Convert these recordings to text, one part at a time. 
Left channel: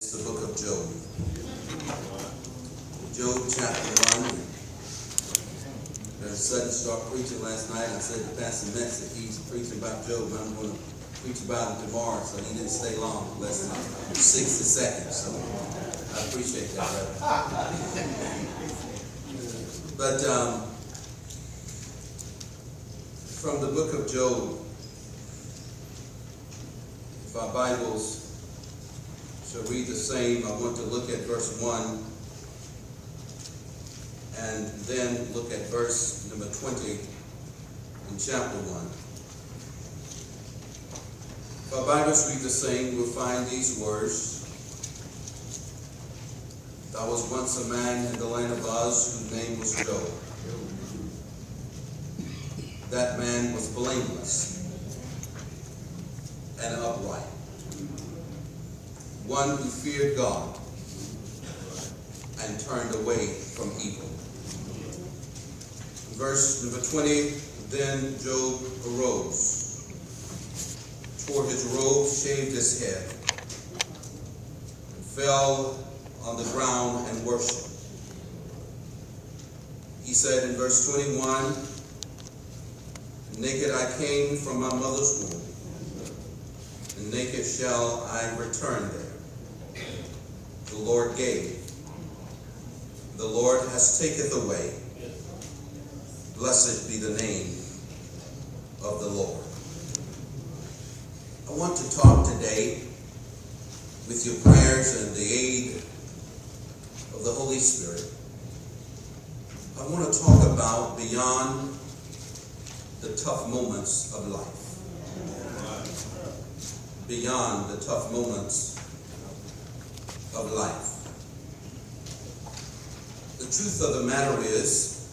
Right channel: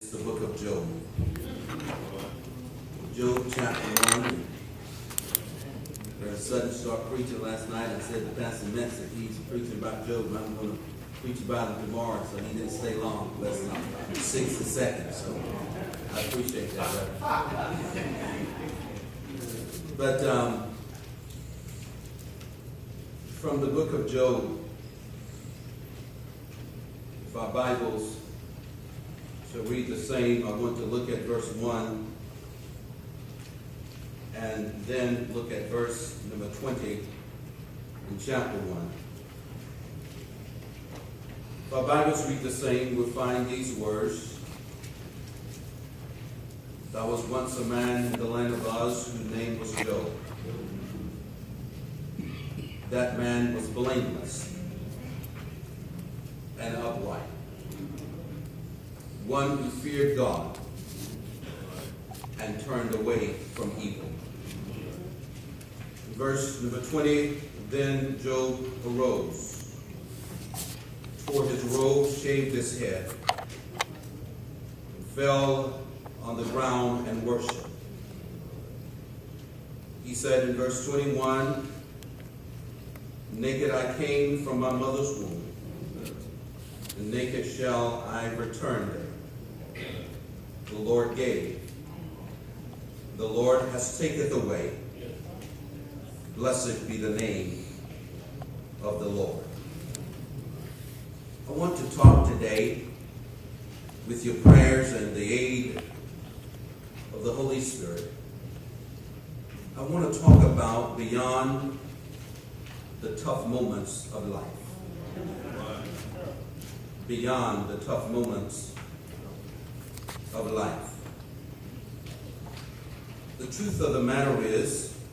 It's the book of Job. Job chapter 1. Brother Sutton started preaching last night. I said to Pastor Metz that he's preaching about Job, but I'm going to preach about him tomorrow, so he didn't stay long, less than 60 seconds. So I appreciate that, brother. But from the book of Job, if our Bibles shall read the same, I want to look at verse 1 and then look at verse number 20 in chapter 1. If our Bibles read the same, we'll find these words. There was once a man in the land of Uz whose name was Job. That man was blameless and upright, one who feared God and turned away from evil. Verse number 20, then Job arose, tore his robe, shaved his head, and fell on the ground and worshiped. He said in verse 21, naked I came from my mother's womb, and naked shall I return there. The Lord gave, the Lord has taketh away. Blessed be the name of the Lord. I want to talk today, with your prayers and the aid of the Holy Spirit, I want to talk about beyond the tough moments of life. Beyond the tough moments of life. The truth of the matter is,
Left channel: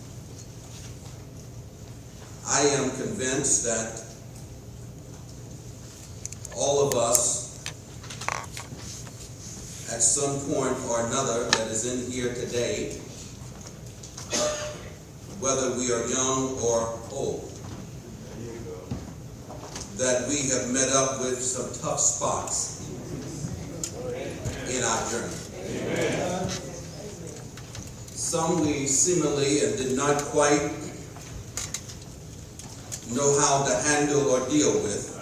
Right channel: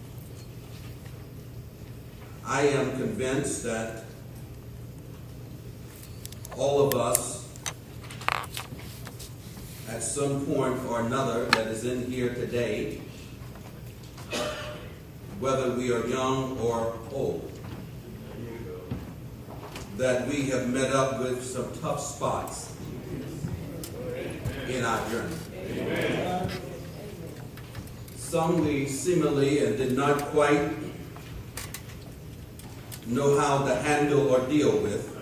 I am convinced that all of us, at some point or another that is in here today, whether we are young or old, that we have met up with some tough spots in our journey. Amen. Some we seemingly and did not quite know how to handle or deal with.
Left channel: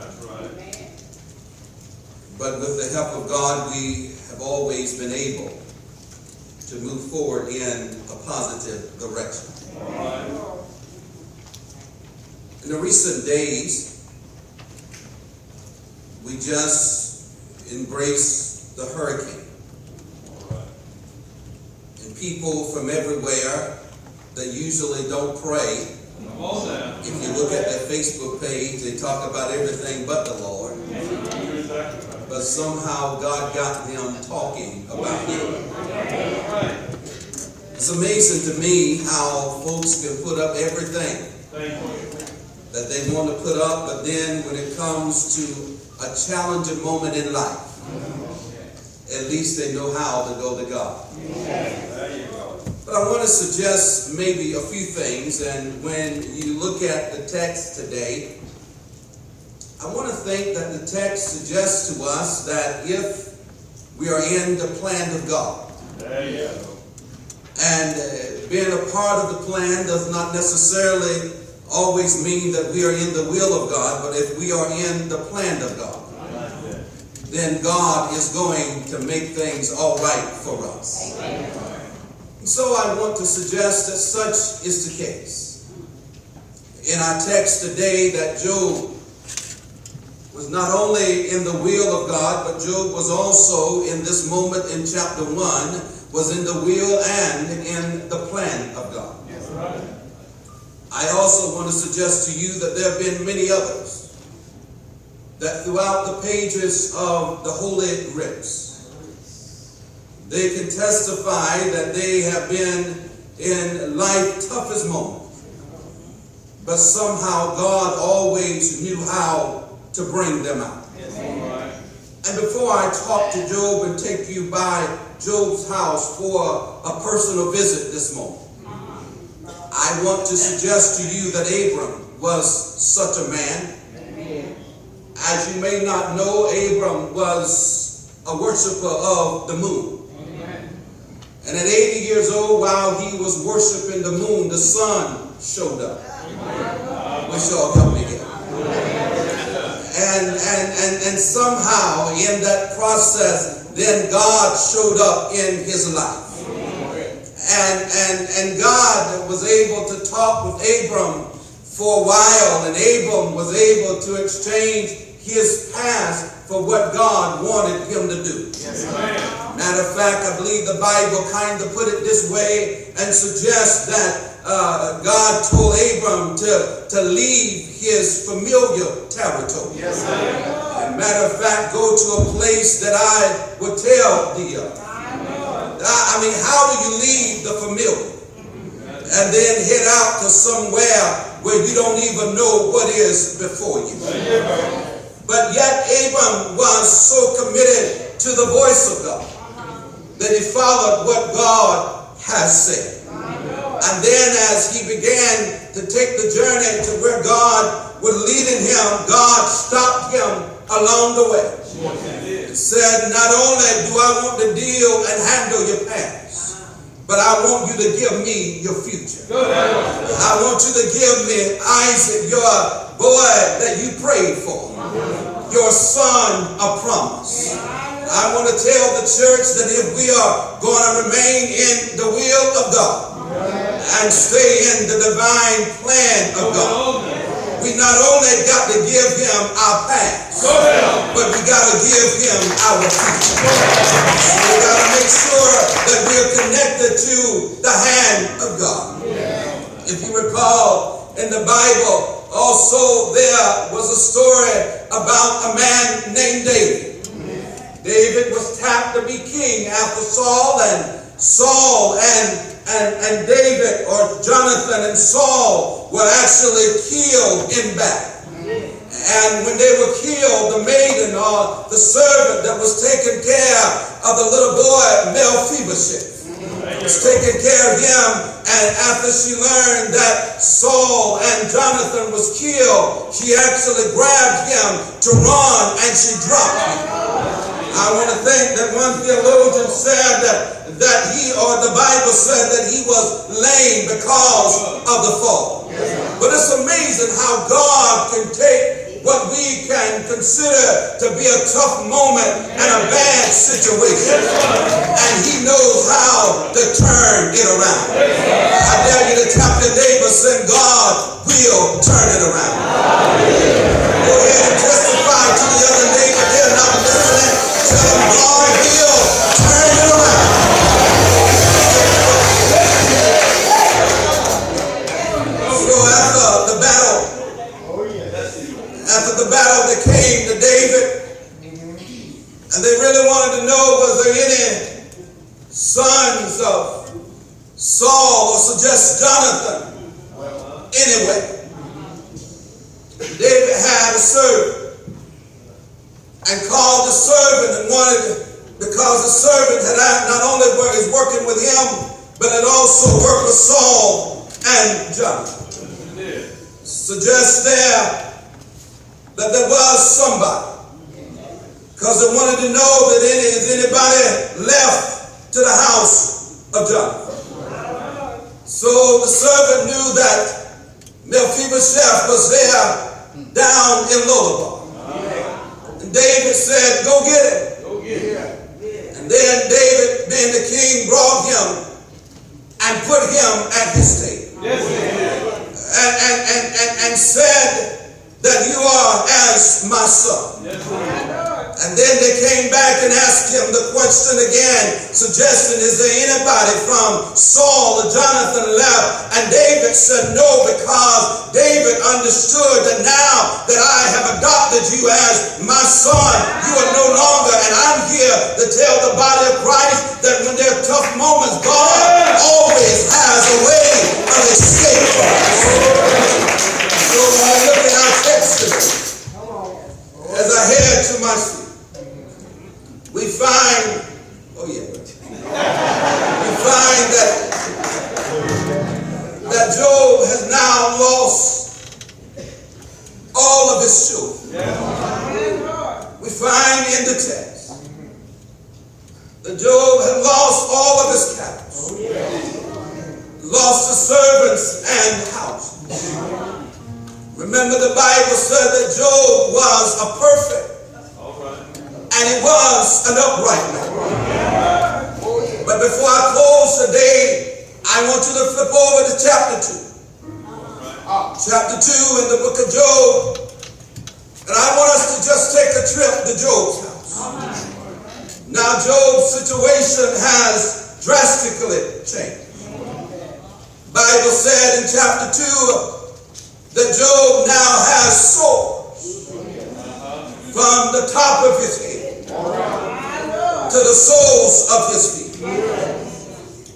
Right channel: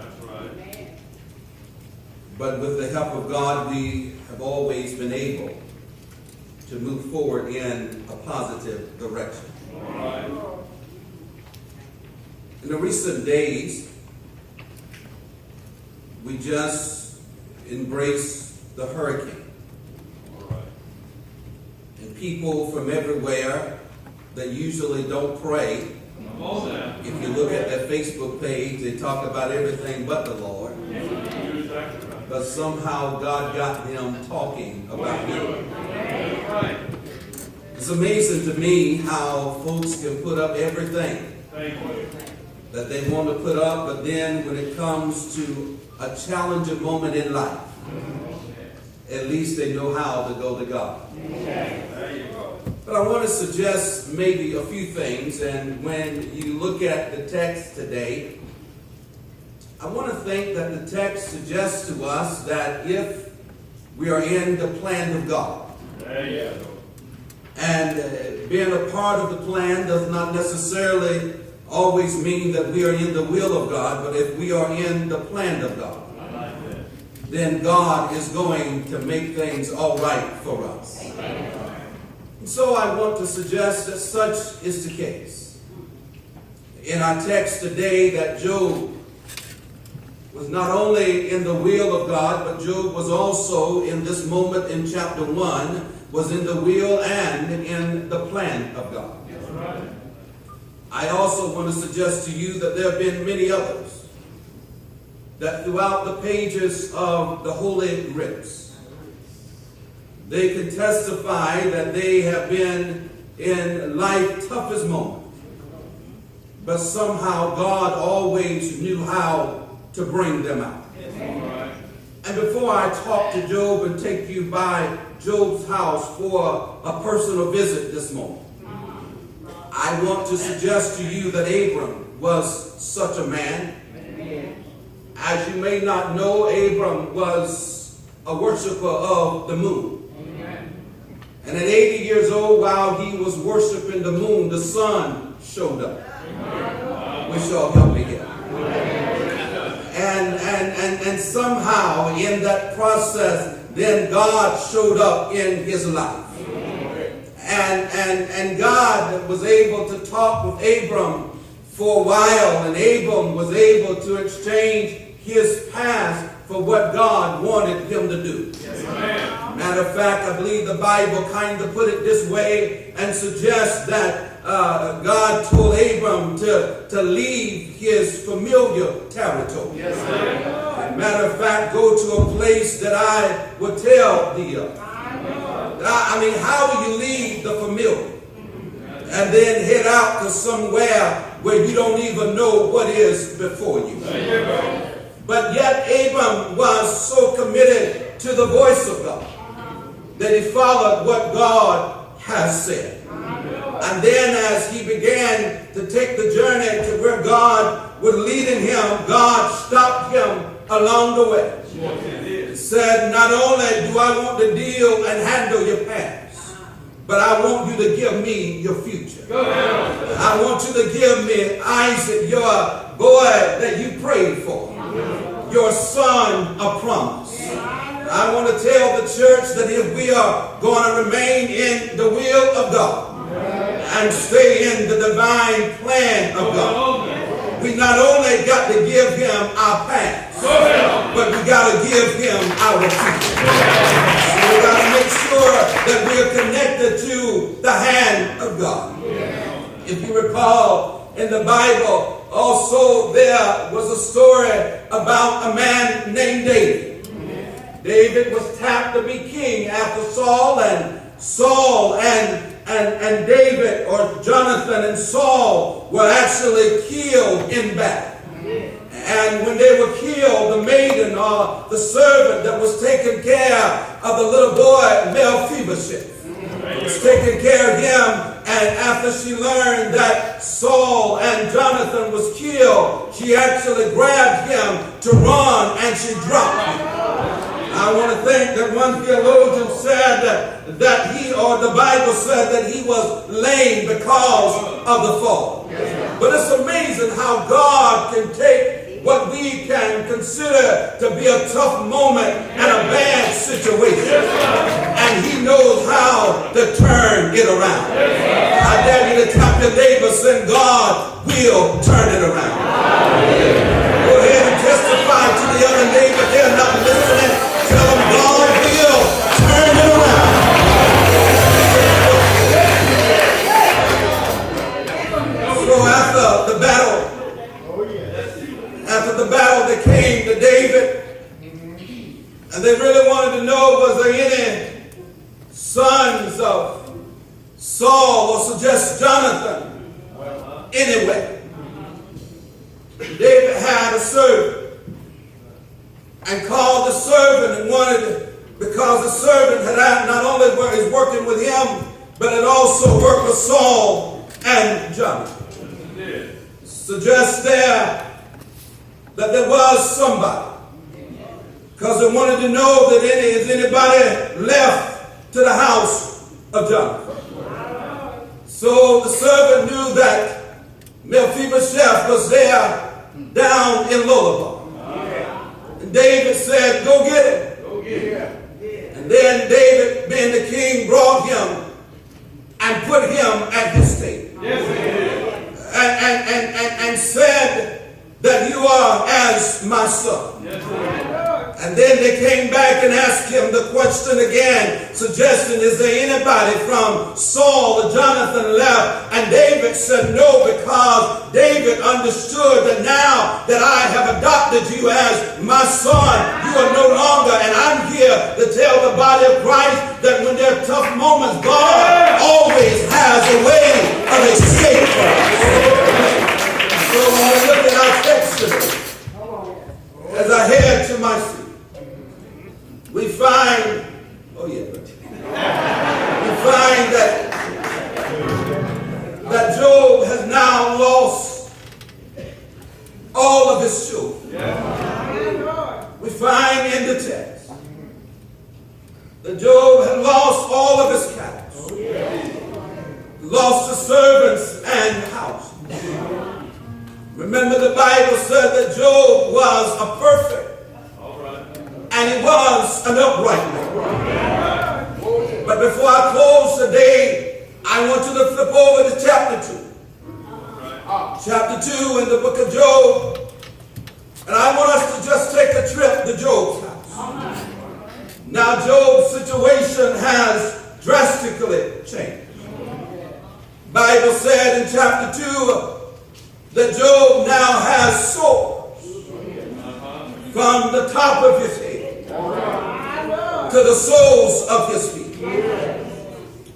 But with the help of God, we have always been able to move forward in a positive direction. In the recent days, we just embraced the hurricane. And people from everywhere that usually don't pray, if you look at their Facebook page, they talk about everything but the Lord. But somehow God got them talking about Him. It's amazing to me how folks can put up everything that they want to put up, but then when it comes to a challenging moment in life, at least they know how to go to God. But I want to suggest maybe a few things, and when you look at the text today, I want to think that the text suggests to us that if we are in the plan of God, and being a part of the plan does not necessarily always mean that we are in the will of God, but if we are in the plan of God, then God is going to make things all right for us. And so I want to suggest that such is the case. In our text today, that Job was not only in the will of God, but Job was also in this moment in chapter 1, was in the will and in the plan of God. I also want to suggest to you that there have been many others that throughout the pages of the Holy Writs, they can testify that they have been in life's toughest moments, but somehow God always knew how to bring them out. And before I talk to Job and take you by Job's house for a personal visit this morning, I want to suggest to you that Abram was such a man. As you may not know, Abram was a worshiper of the moon. And at 80 years old, while he was worshiping the moon, the sun showed up. Which y'all help me get. And somehow in that process, then God showed up in his life. And God was able to talk with Abram for a while, and Abram was able to exchange his past for what God wanted him to do. Yes, matter of fact, I believe the Bible kind of put it this way and suggests that God told Abram to leave his familiar territory. Yes, matter of fact, go to a place that I would tell thee of. I mean, how do you leave the familiar and then head out to somewhere where you don't even know what is before you? But yet Abram was so committed to the voice of God that he followed what God has said. And then as he began to take the journey to where God was leading him, God stopped him along the way. He said, not only do I want to deal and handle your past, but I want you to give me your future. I want you to give me Isaac, your boy that you prayed for, your son of promise. I want to tell the church that if we are going to remain in the will of God and stay in the divine plan of God, we not only got to give him our past, but we got to give him our future. So we got to make sure that we are connected to the hand of God. If you recall, in the Bible, also there was a story about a man named David. David was tapped to be king after Saul, and Saul and David, or Jonathan and Saul, were actually killed in battle. And when they were killed, the maiden or the servant that was taking care of the little boy, Mephibosheth, was taking care of him. And after she learned that Saul and Jonathan was killed, she actually grabbed him to run, and she dropped him. I want to think that one theologian said that he, or the Bible said that he was lame because of the fall. But it's amazing how God can take what we can consider to be a tough moment and a bad situation, and he knows how to turn it around. I dare you to tap your neighbor, saying God will turn it around. Go ahead and testify to the other neighbor they're not listening. Tell them God will turn it around. So after the battle, they came to David, and they really wanted to know, was there any sons of Saul, or suggest Jonathan anyway. David had a servant and called the servant and wanted, because the servant had not only is working with him, but had also worked with Saul and Jonathan. Suggests there that there was somebody, because they wanted to know that is anybody left to the house of Jonathan. So the servant knew that Mephibosheth was there down in Lodabar. And David said, go get him. And then David, being the king, brought him and put him at his table. And said that you are as my son. And then they came back and asked him the question again, suggesting, is there anybody from Saul or Jonathan left? And David said no, because David understood that now that I have adopted you as my son, you are no longer, and I'm here to tell the body of Christ that when there are tough moments, God always has a way of escape for us. So when we look at our text today, as I head to my seat, we find, we find that Job has now lost all of his children. We find in the text that Job had lost all of his cattle. He lost his servants and house. Remember, the Bible said that Job was a perfect and he was an upright man. But before I close today, I want you to flip over to chapter 2. Chapter 2 in the book of Job. And I want us to just take a trip to Job's house. Now Job's situation has drastically changed. Bible said in chapter 2 that Job now has sores from the top of his head to the soles of his feet.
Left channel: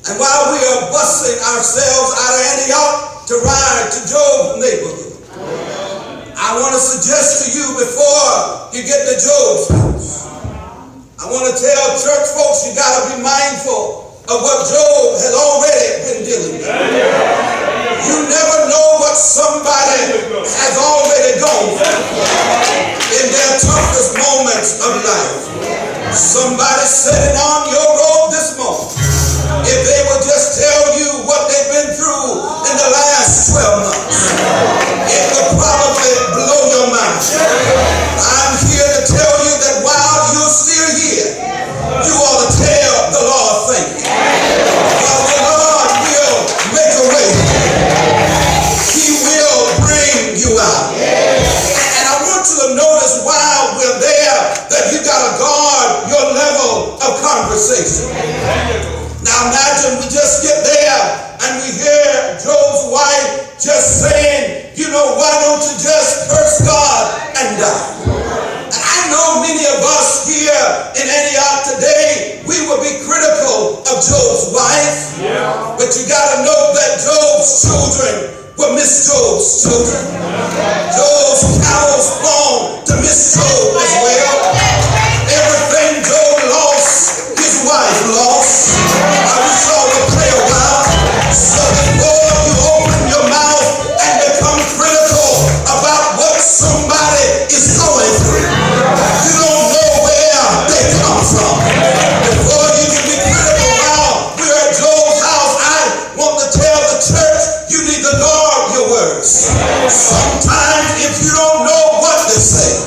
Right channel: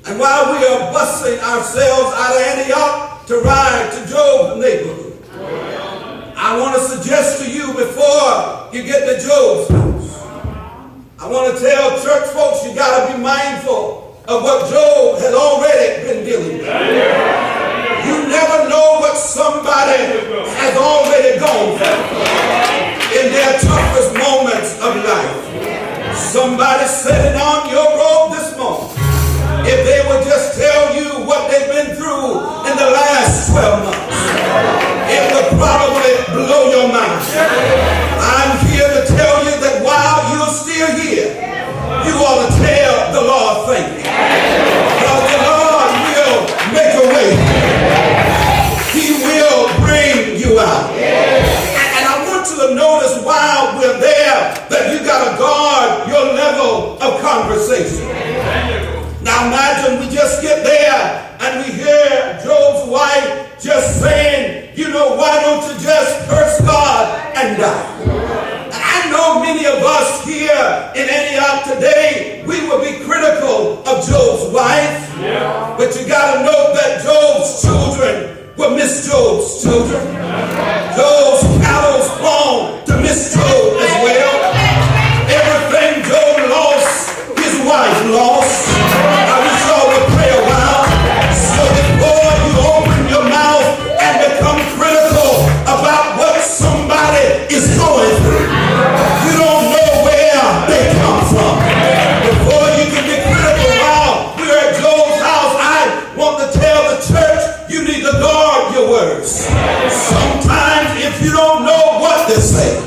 And while we are busting ourselves out of Antioch to ride to Job's neighborhood, I want to suggest to you before you get to Job's house, I want to tell church folks you got to be mindful of what Job has already been dealing with. You never know what somebody has already gone through in their toughest moments of life. Somebody sitting on your road this morning, if they would just tell you what they've been through in the last 12 months, it would probably blow your mind. I'm here to tell you that while you're still here, you ought to tell the Lord thank you. Because the Lord will make a way. He will bring you out. And I want you to notice while we're there that you got to guard your level of conversation. Now imagine we just get there and we hear Job's wife just saying, you know, why don't you just curse God and die? And I know many of us here in Antioch today, we would be critical of Job's wife. But you got to note that Job's children were Miss Job's children. Job's cattle belonged to Miss Job as well. Everything Job lost, his wife lost. I wish y'all would pray a while. So before you open your mouth and become critical about what somebody is going through, you don't know where they come from. Before you can be critical while we're at Job's house, I want to tell the church you need to guard your words. Sometimes if you don't know what they say,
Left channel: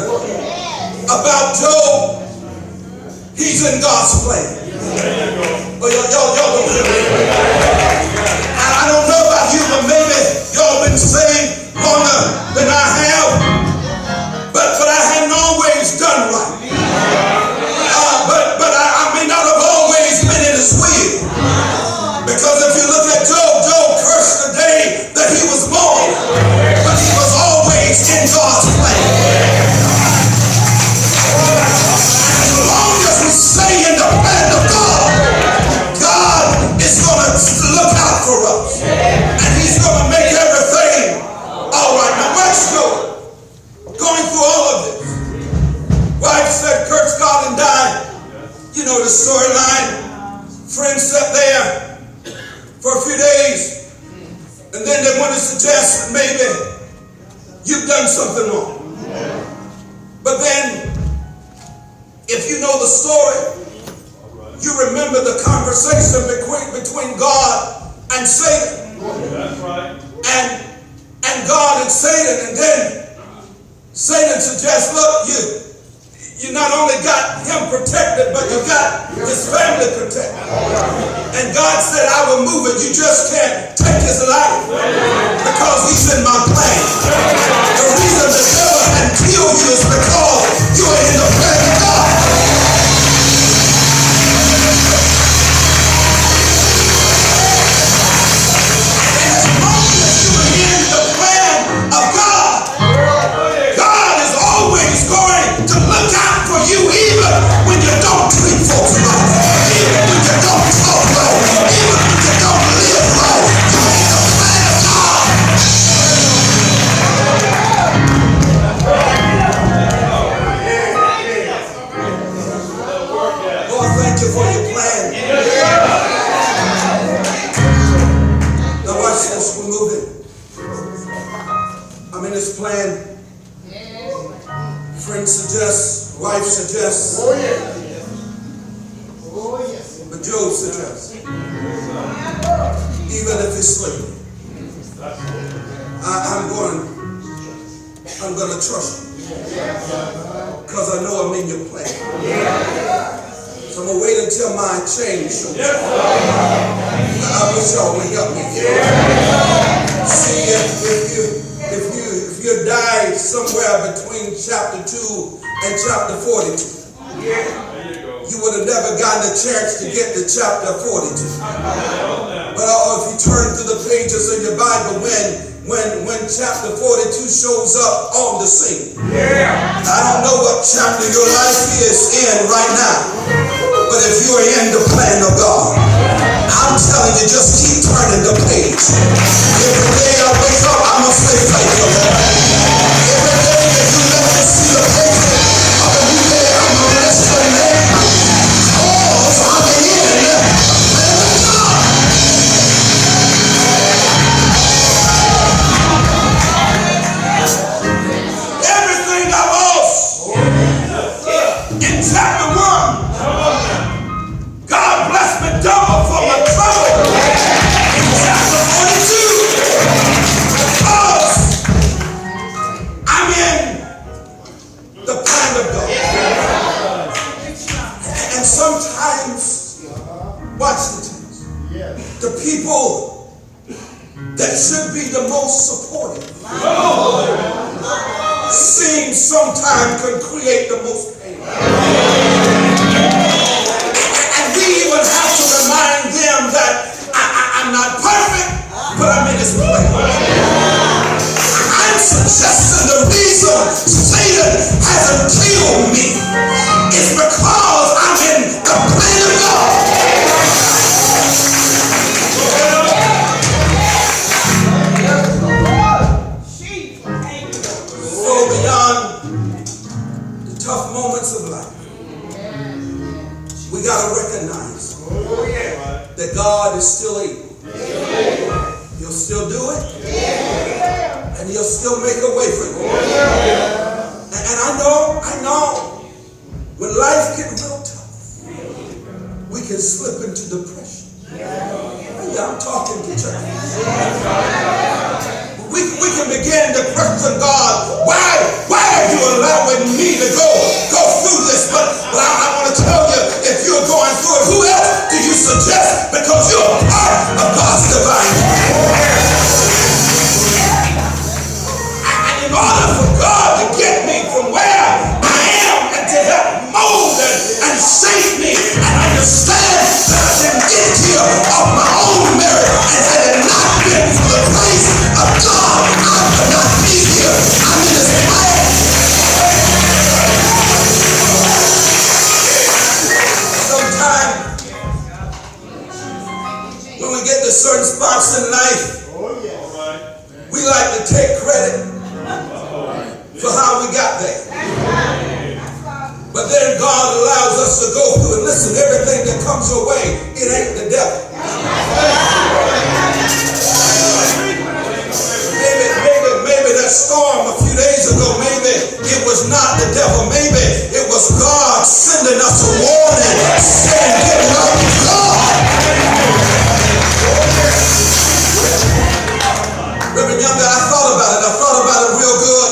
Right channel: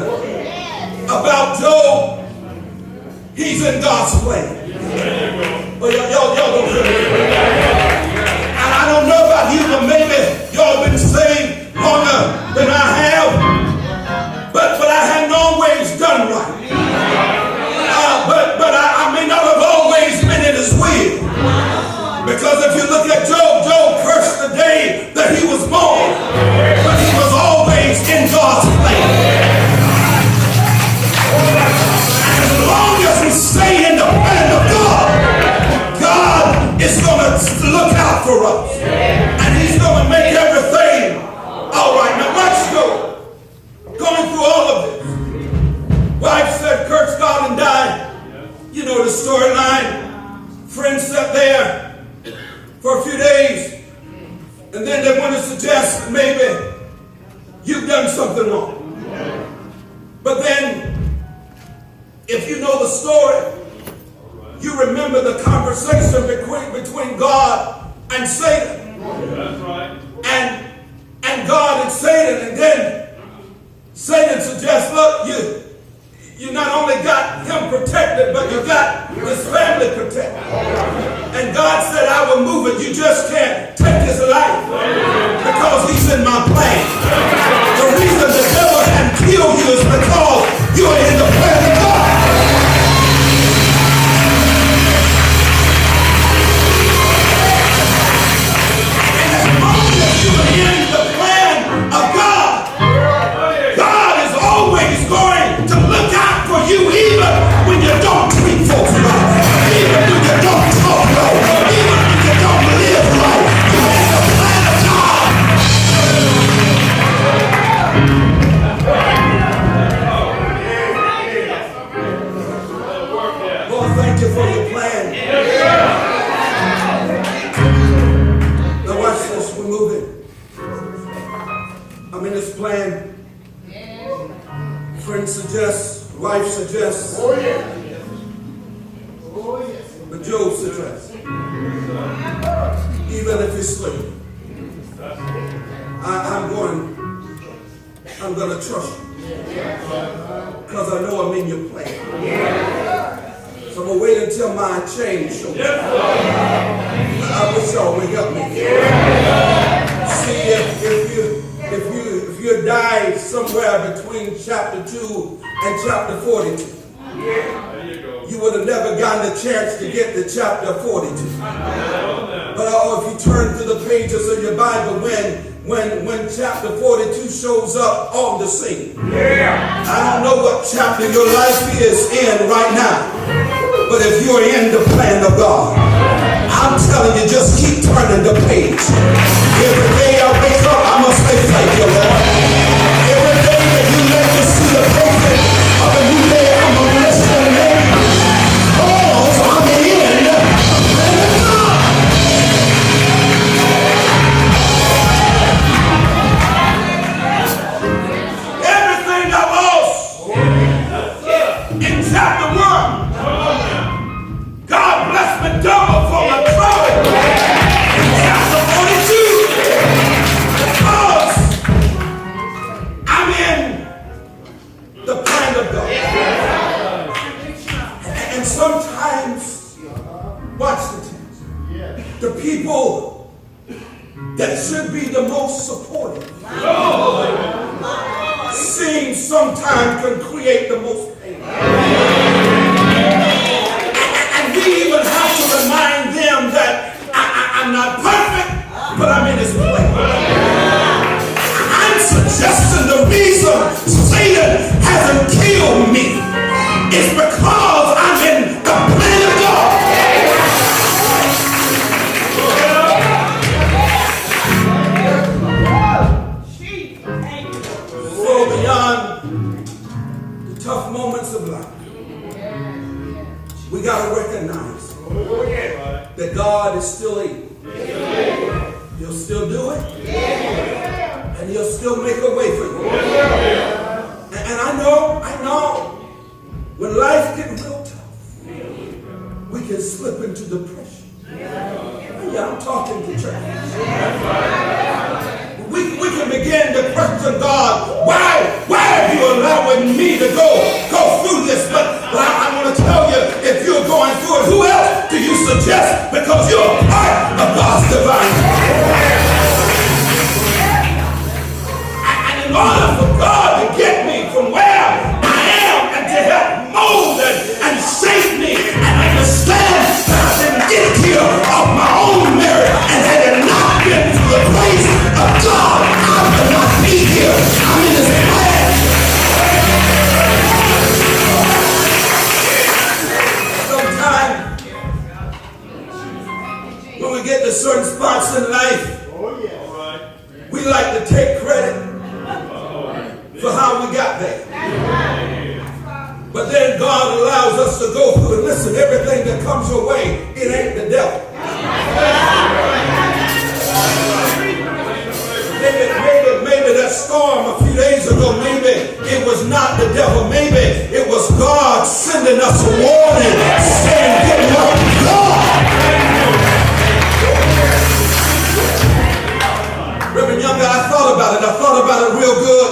listen, about Job, he's in God's plan. But y'all don't hear me. And I don't know about you, but maybe y'all been saved longer than I have. But I hadn't always done right. But I may not have always been in his will. Because if you look at Job, Job cursed the day that he was born. But he was always in God's plan. And as long as we stay in the plan of God, God is going to look out for us. And he's going to make everything all right. Now watch Job. Going through all of this. Wife said, curse God and die. You know the storyline. Friends sat there for a few days. And then they want to suggest that maybe you've done something wrong. But then, if you know the story, you remember the conversation between God and Satan. That's right. And God and Satan. And then Satan suggests, look, you not only got him protected, but you got his family protected. And God said, I will move it. You just can't take his life because he's in my plan. The reason the devil can kill you is because you are in the plan of God. And as long as you are in the plan of God, God is always going to look out for you even when you don't treat folks right, even when you don't talk right, even when you don't live right. You're in the plan of God. Lord, thank you for your plan. Now watch this, we're moving. I'm in this plan. Friend suggests, wife suggests. Oh yeah. Oh yes. But Job suggests. Even if he's sleeping, I'm going to trust you. Because I know I'm in your plan. So I'm going to wait until my change shows up. I wish y'all would help me. See, if you died somewhere between chapter 2 and chapter 42, you would have never gotten a chance to get to chapter 42. But if you turn to the pages of your Bible when chapter 42 shows up on the scene. I don't know what chapter your life is in right now, but if you're in the plan of God, I'm telling you, just keep turning the page. Every day I wake up, I must say thank you, Lord. Every day that you let me see the picture of a new day, I'm going to bless your name. Cause I'm in the plan of God. Everything I lost in chapter 1, God blessed me double for my trouble in chapter 42. Because I'm in the plan of God. And sometimes, watch the text, the people that should be the most supportive seem sometimes can create the most pain. And we even have to remind them that I'm not perfect, but I'm in his plan. I'm suggesting the reason Satan hasn't killed me is because I'm in the plan of God. So beyond the tough moments of life, we got to recognize that God is still able. He'll still do it. And he'll still make a way for you. And I know, when life gets real tough, we can slip into depression. Yeah, I'm talking to church. We can begin begin to question God, why are you allowing me to go through this? But I want to tell you, if you're going through it, who else do you suggest? Because you're a part of God's divine plan. And in order for God to get me from where I am and to help mold and shape me and understand that I didn't get here of my own merit, and had it not been for the grace of God, I would not be here. I'm in His plan. Sometimes when we get to certain spots in life, we like to take credit for how we got there. But then God allows us to go through, and listen, everything that comes your way, it ain't the devil. Maybe that storm a few days ago, maybe it was not the devil. Maybe it was God sending us a warning, saying, get right with God. Reverend Younger, I thought about it real good.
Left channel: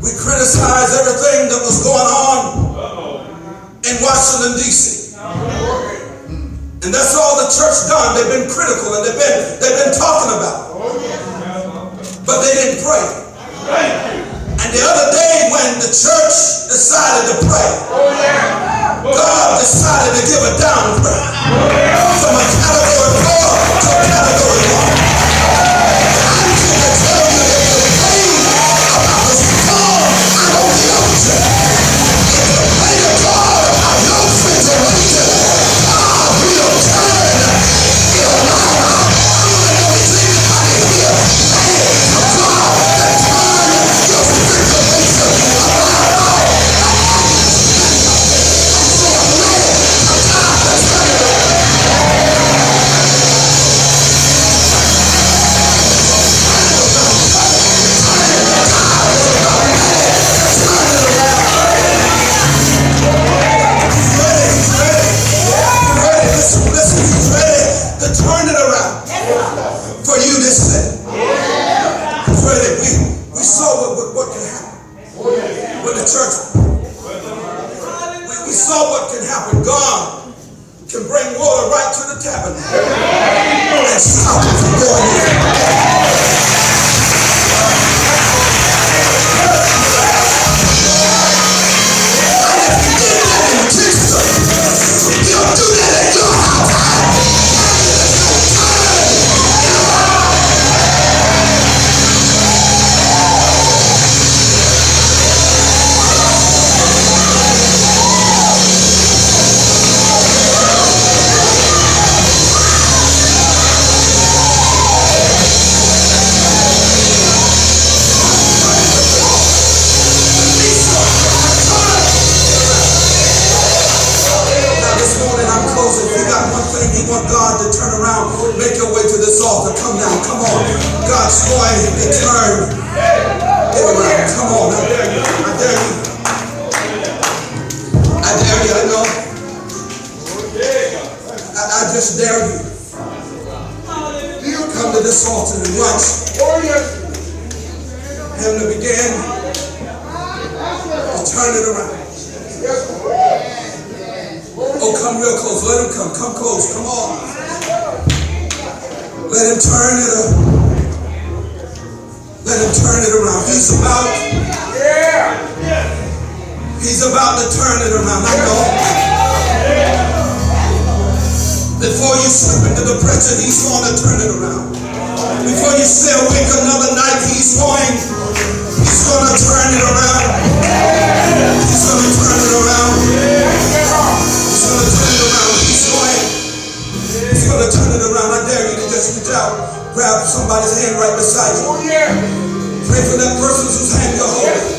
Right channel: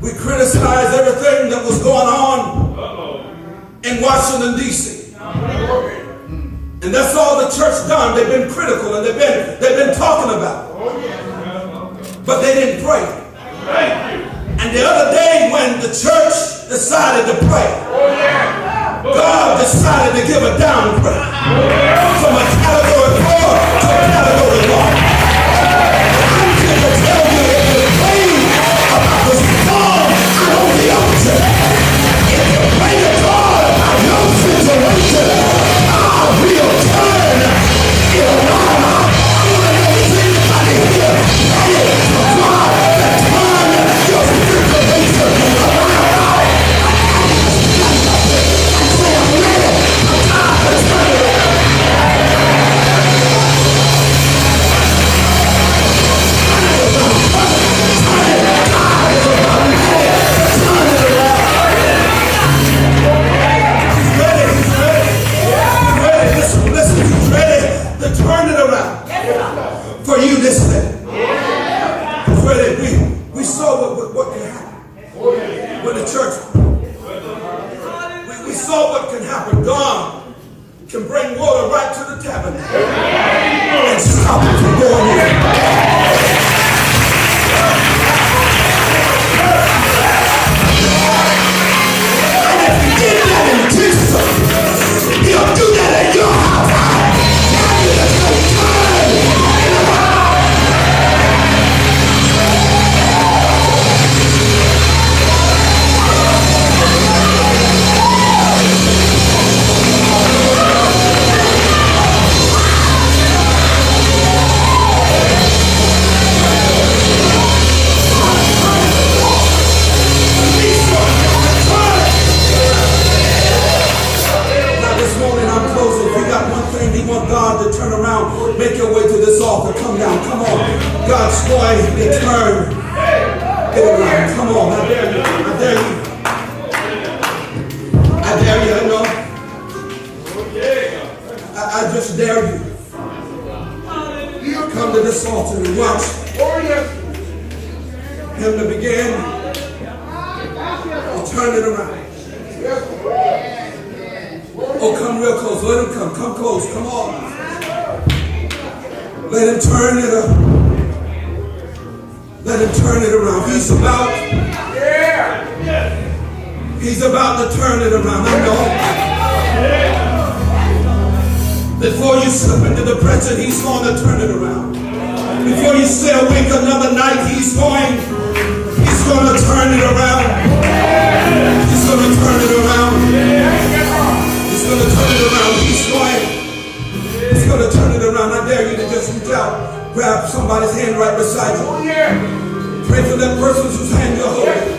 We criticized everything that was going on in Washington, D.C. And that's all the church done. They've been critical and they've been talking about it. But they didn't pray. And the other day when the church decided to pray, God decided to give a down prayer from a category 4 to a category 1. I'm here to tell you that the pain about the storm out on the ocean, if you pray to God about your situation, God will turn it around. I don't know if anybody here praying for God to turn your situation around. And say, I'm ready for God to turn it around. Turn it around for you this day. We saw what can happen with the church. We saw what can happen. God can bring water right to the tabernacle and stop it from going in. And if He did that in Kinston, He'll do that at your house. You want God to turn around, make your way to this altar. Come down, come on. God's going to turn it around. Come on, I dare you. I dare you. I dare you, I know. I just dare you. Come to this altar and watch Him to begin to turn it around. Oh, come real close. Let Him come. Come close. Come on. Let Him turn it up. Let Him turn it around. He's about to turn it around. I know. Before you slip into depression, He's going to turn it around. Before you stay awake another night, He's going to turn it around. He's going to turn it around. He's going to turn it around. He's going to turn it around. I dare you to just reach out, grab somebody's hand right beside you. Pray for that person whose hand you're holding.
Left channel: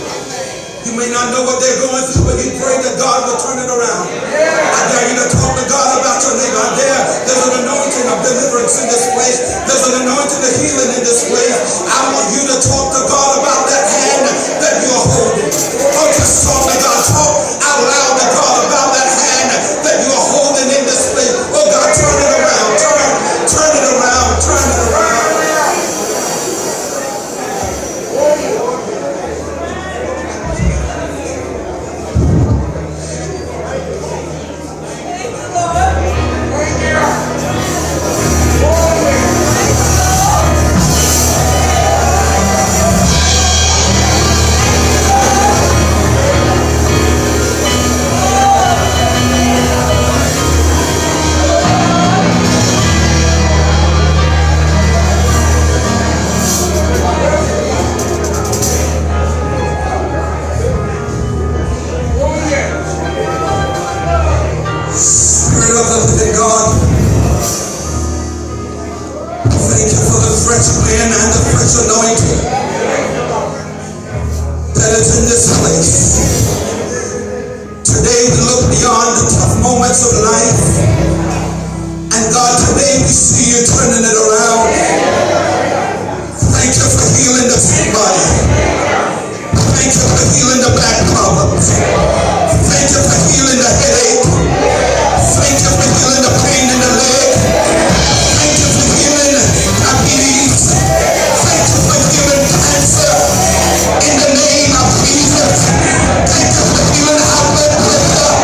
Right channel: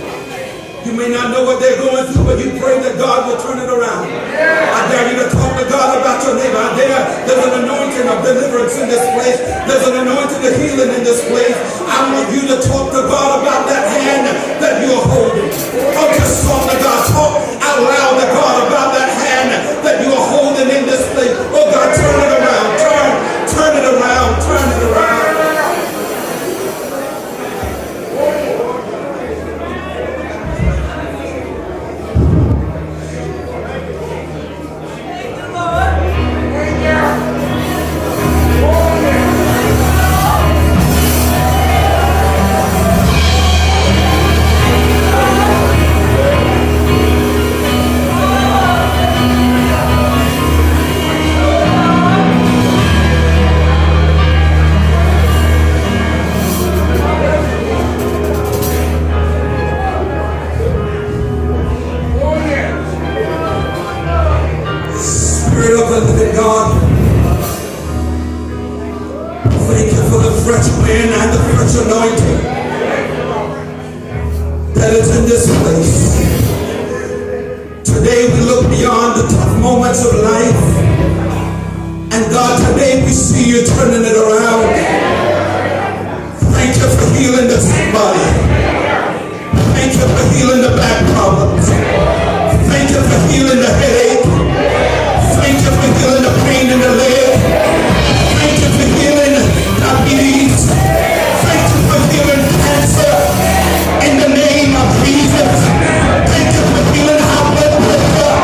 You may not know what they're going through, but you pray that God will turn it around. I dare you to talk to God about your neighbor. I dare. There's an anointing of deliverance in this place. There's an anointing of healing in this place. I want you to talk to God about that hand that you're holding. Or just talk to God. Talk out loud to God about that hand that you're holding in this place. Oh God, turn it around. Turn it around. Turn it around. And God, today we see you turning it around. Thank you for healing the sick body. Thank you for healing the back problems. Thank you for healing the headache. Thank you for healing the pain in the leg. Thank you for healing diabetes. Thank you for healing cancer. In the name of Jesus. Thank you for healing high blood pressure.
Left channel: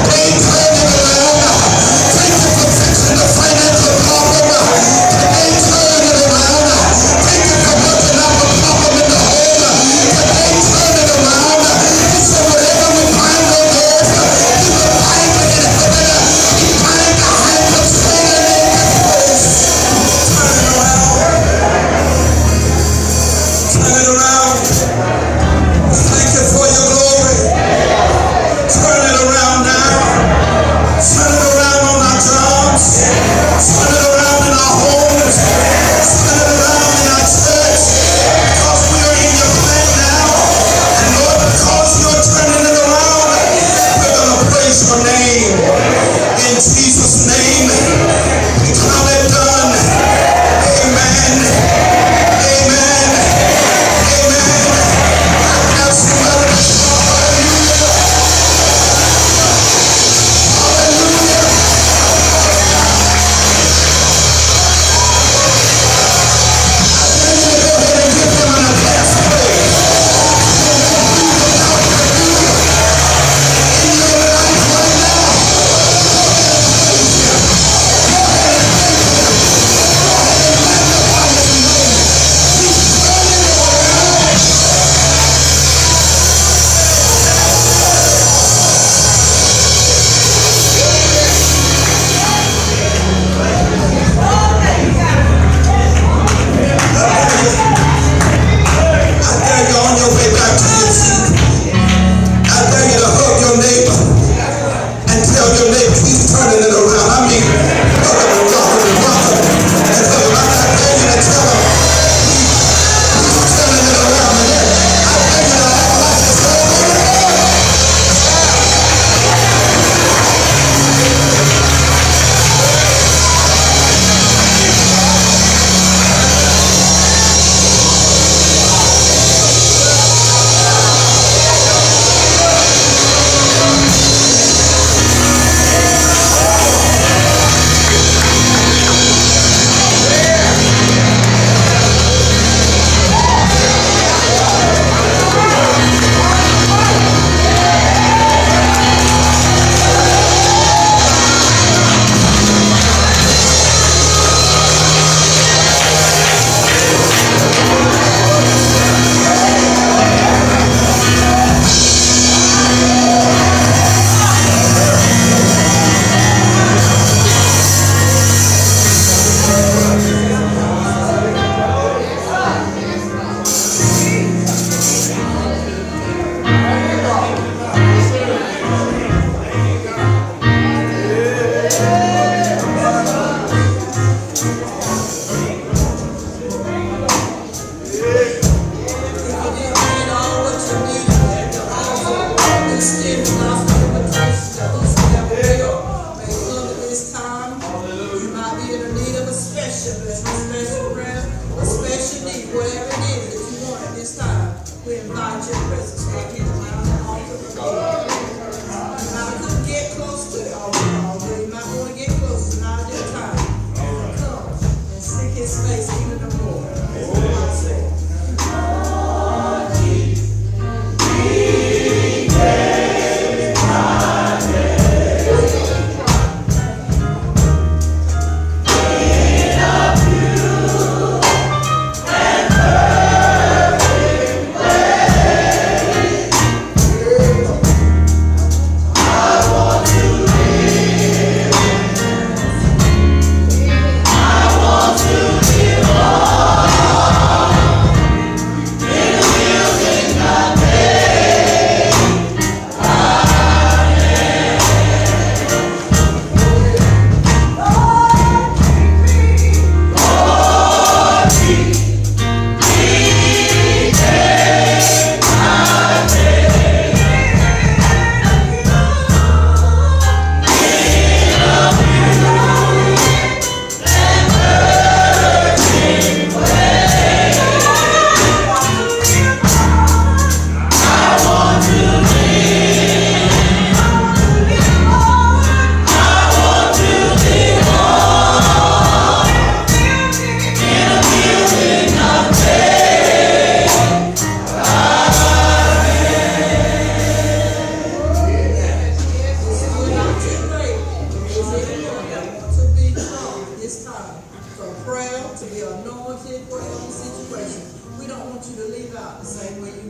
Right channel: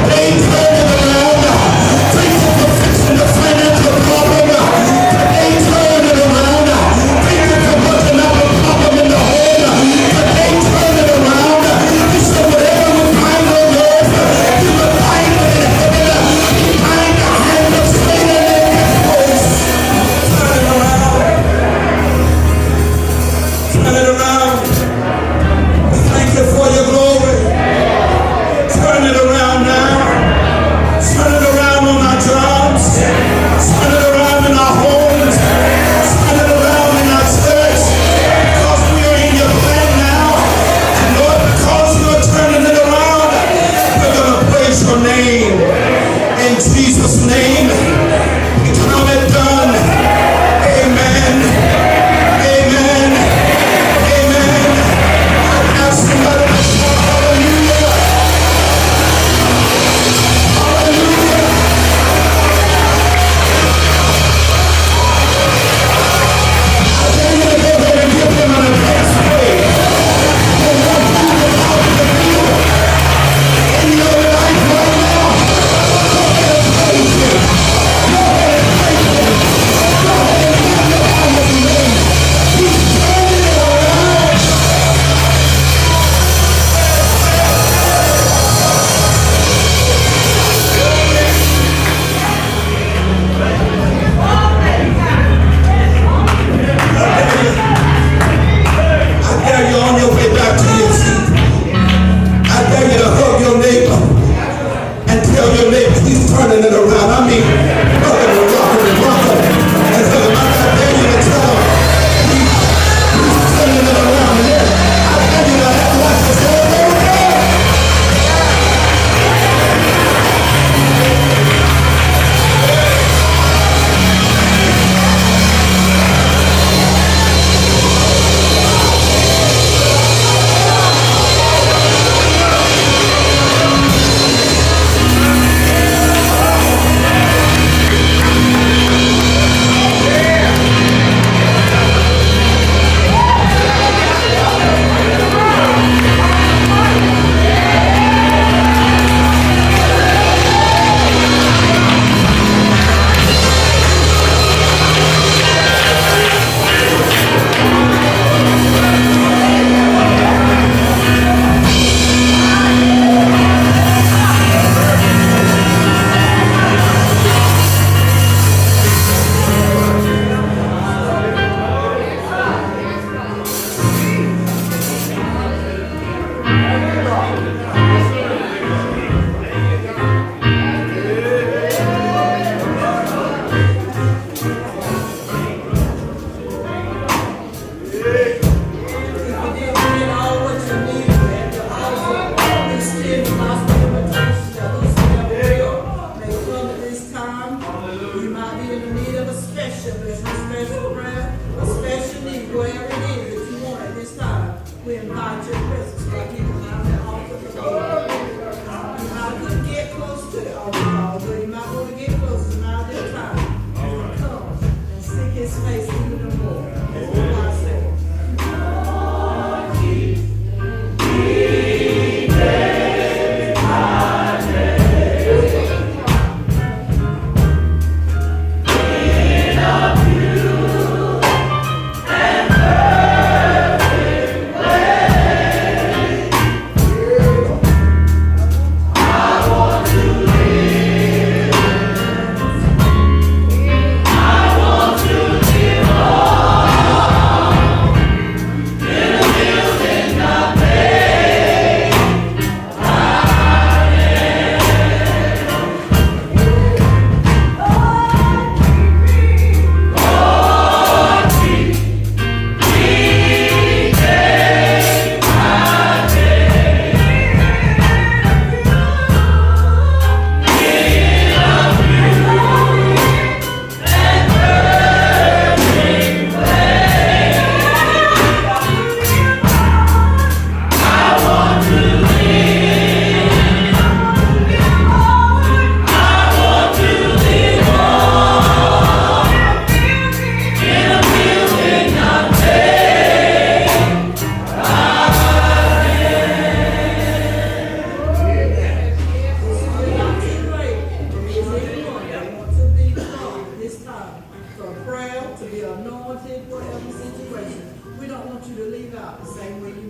Today, turn it around. Thank you for fixing the financial problem. Today, turn it around. Thank you for working out the problem in the home. Today, turn it around. You said whatever we bind on earth, you will bind it in heaven. We bind the hands of Satan in this place. Turn it around. Turn it around. Thank you for your glory. Turn it around now. Turn it around on our jobs. Turn it around in our homes. Turn it around in our church. Because we are in your plan now. And Lord, because you're turning it around, we're going to praise your name. In Jesus' name, we count it done. Amen. Amen. Amen. Now somebody shout hallelujah. Hallelujah. I dare you to go ahead and give him an advance praise. And let him do without the deal in your life right now. Go ahead and praise him. Go ahead and praise him. Go ahead and magnify his name. He's turning it around. I dare you on your way back to your seat. I dare you to hug your neighbor and tell your neighbor he's turning it around. I mean, hug him and rock him and rock him and hug him. I dare you to tell him he's turning it around. And then I dare you to act like you say, amen. We invite your presence right here around the altar. You might couldn't get close to the altar, but you might want to get close tonight this time. Come and seek his face even the more. That's what I say. I want to live. same way